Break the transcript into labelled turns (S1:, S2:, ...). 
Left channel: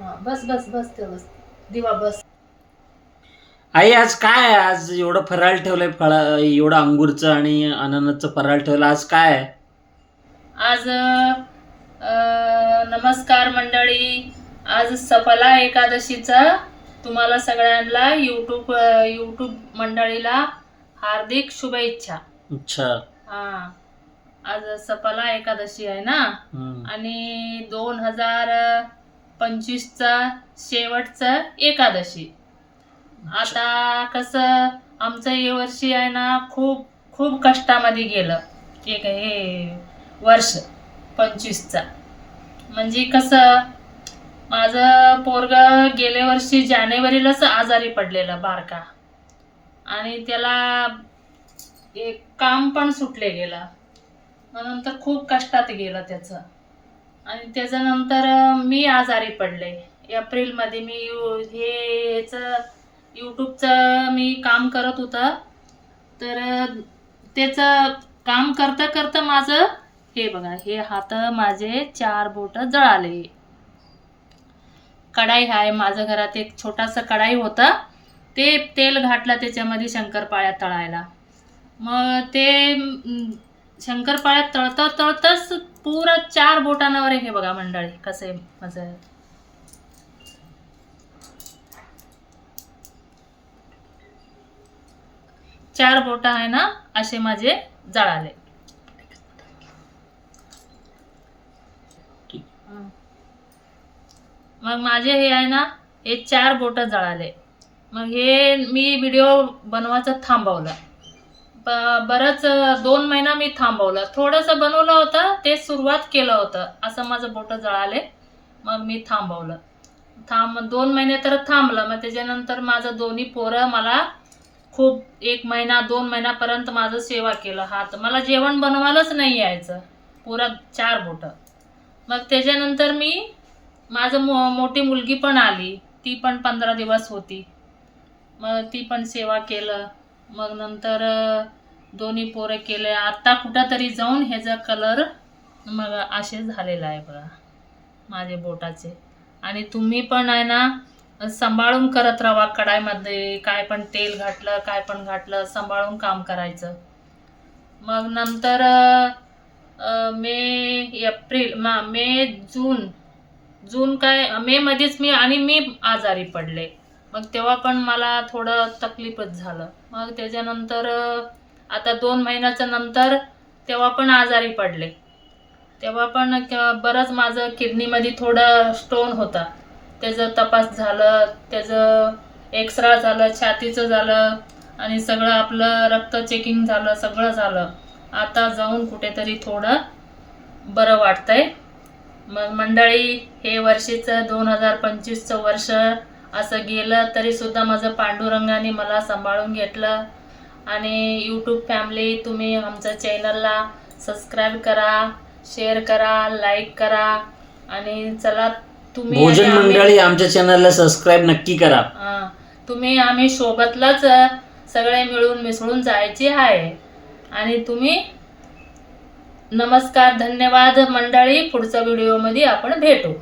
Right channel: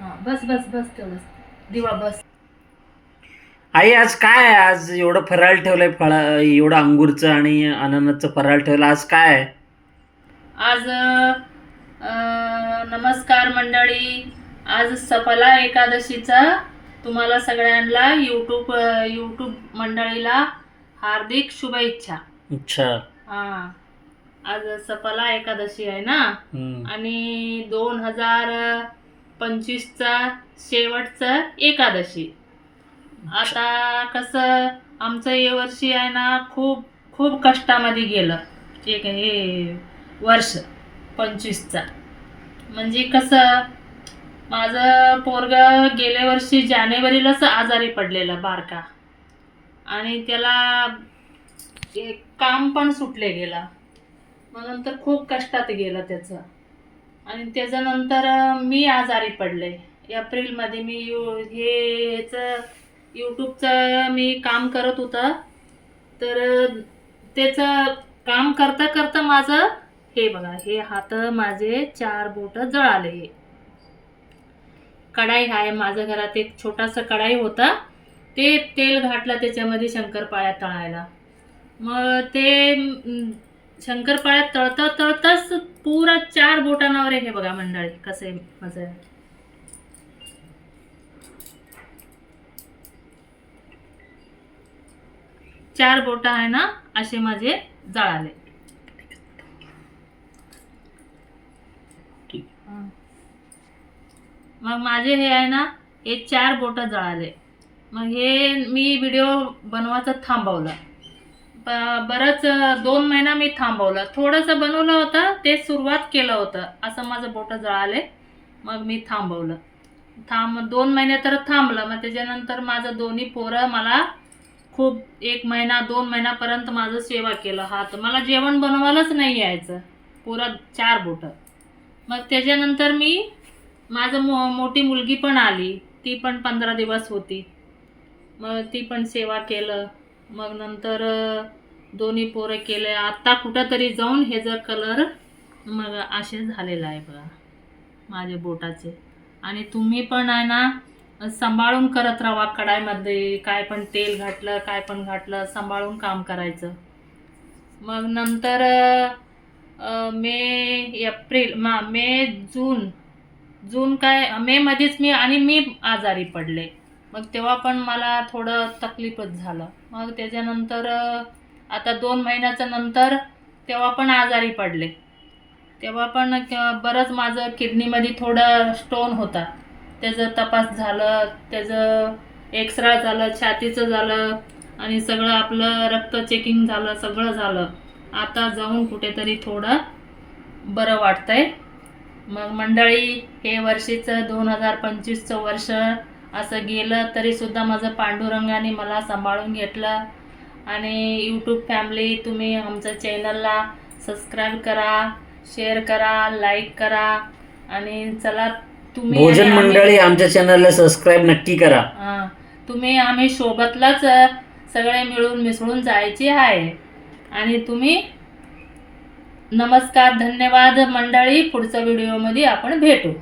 S1: हा, बस बस बस तेवढंच दिवा बस.
S2: आई आज काय आहे? आज एवढं फराळ ठेवलंय फळा एवढं अंगूरचं आणि अननसचं फराळ ठेवलं. आज काय आहे?
S1: आज अ, नमस्कार मंडळी. आज सफला एकादशीचा तुम्हाला सगळ्यांना यूट्यूब यूट्यूब मंडळीला हार्दिक शुभेच्छा.
S2: अच्छा.
S1: हा आज सफला एकादशी आहे ना?
S2: हम्म.
S1: आणि दोन हजार पंचवीसचा शेवटचा एकादशी. आता कसं आमचं हे वर्षी आहे ना खूप खूप कष्टामध्ये गेलं. एक हे वर्ष पंचवीसचा. म्हणजे कसं माझं पोरग गेल्या वर्षी जानेवारीलाच आजारी पडलेलं बारका. आणि त्याला एक काम पण सुटले गेलं. म्हणून तर खूप कष्टात गेलं त्याचं. आणि त्याच्यानंतर मी आजारी पडले. एप्रिलमध्ये मी यू हे ह्याचं यूट्यूबचं मी काम करत होतं. तर त्याचं काम करता करता माझं हे बघा हे हात माझे चार बोट जळाले. कढाई आहे माझं घरात एक छोटासा कढाई होता. ते तेल घातलं त्याच्यामध्ये शंकरपाळ्या तळायला. मग ते अं, शंकरपाळ्या तळता तळताच पुरा चार बोटांवर हे बघा मंडळी कसं आहे माझं चार बोट आहे ना असे माझे जळाले. मग माझे हे आहे ना हे चार बोट जळाले. मग हे मी व्हिडिओ बनवायचं थांबवलं. बरंच दोन महिना मी थांबवलं. थोडंसं बनवलं होतं ते सुरुवात केलं होतं. असं माझं बोटं जळाले. मग मी थांबवलं. थांब दोन महिने तर थांबलं. मग त्याच्यानंतर माझं दोन्ही पोरं मला खूप एक महिना दोन महिन्यापर्यंत माझं सेवा केलं. हात मला जेवण बनवायलाच नाही यायचं. पुरा चार बोटं. मग त्याच्यानंतर मी माझं मो मोठी मुलगी पण आली. ती पण पंधरा दिवस होती. मग ती पण सेवा केलं. मग नंतर दोन्ही पोरं केले आत्ता कुठंतरी जाऊन ह्याचा कलर मग असे झालेला आहे बघा माझे बोटाचे. आणि तुम्ही पण आहे ना सांभाळून करत राहा कढाईमध्ये. काय पण तेल घातलं काय पण घातलं सांभाळून काम करायचं. मग नंतर मे एप्रिल मा मे जून. जून काय मेमध्येच मी आणि मी आजारी पडले. मग तेव्हा पण मला थोडं तकलीफच झालं. मग त्याच्यानंतर आता दोन महिन्याच्या नंतर तेव्हा पण आजारी पडले. तेव्हा पण बरंच माझं किडनीमध्ये थोडं स्टोन होता. त्याचं तपास झालं त्याचं एक्सरा झालं छातीचं झालं आणि सगळं आपलं रक्त चेकिंग झालं सगळं झालं. आता जाऊन कुठेतरी थोडं बरं वाटतंय. मग मंडळी हे वर्षीचं दोन हजार पंचवीसचं वर्ष असं गेलं तरीसुद्धा माझं पांडुरंगाने मला सांभाळून घेतलं. आणि यूट्यूब फॅमिली तुम्ही आमच्या चॅनलला सबस्क्राईब करा शेअर करा लाईक करा. आणि चला तुम्ही
S2: भोजन मंडळी आमच्या चॅनलला सबस्क्राईब नक्की करा.
S1: हा, तुम्ही आम्ही सोबतलाच सगळे मिळून मिसळून जायचे आहे. आणि तुम्ही नमस्कार धन्यवाद मंडळी पुढच्या व्हिडिओमध्ये आपण भेटू.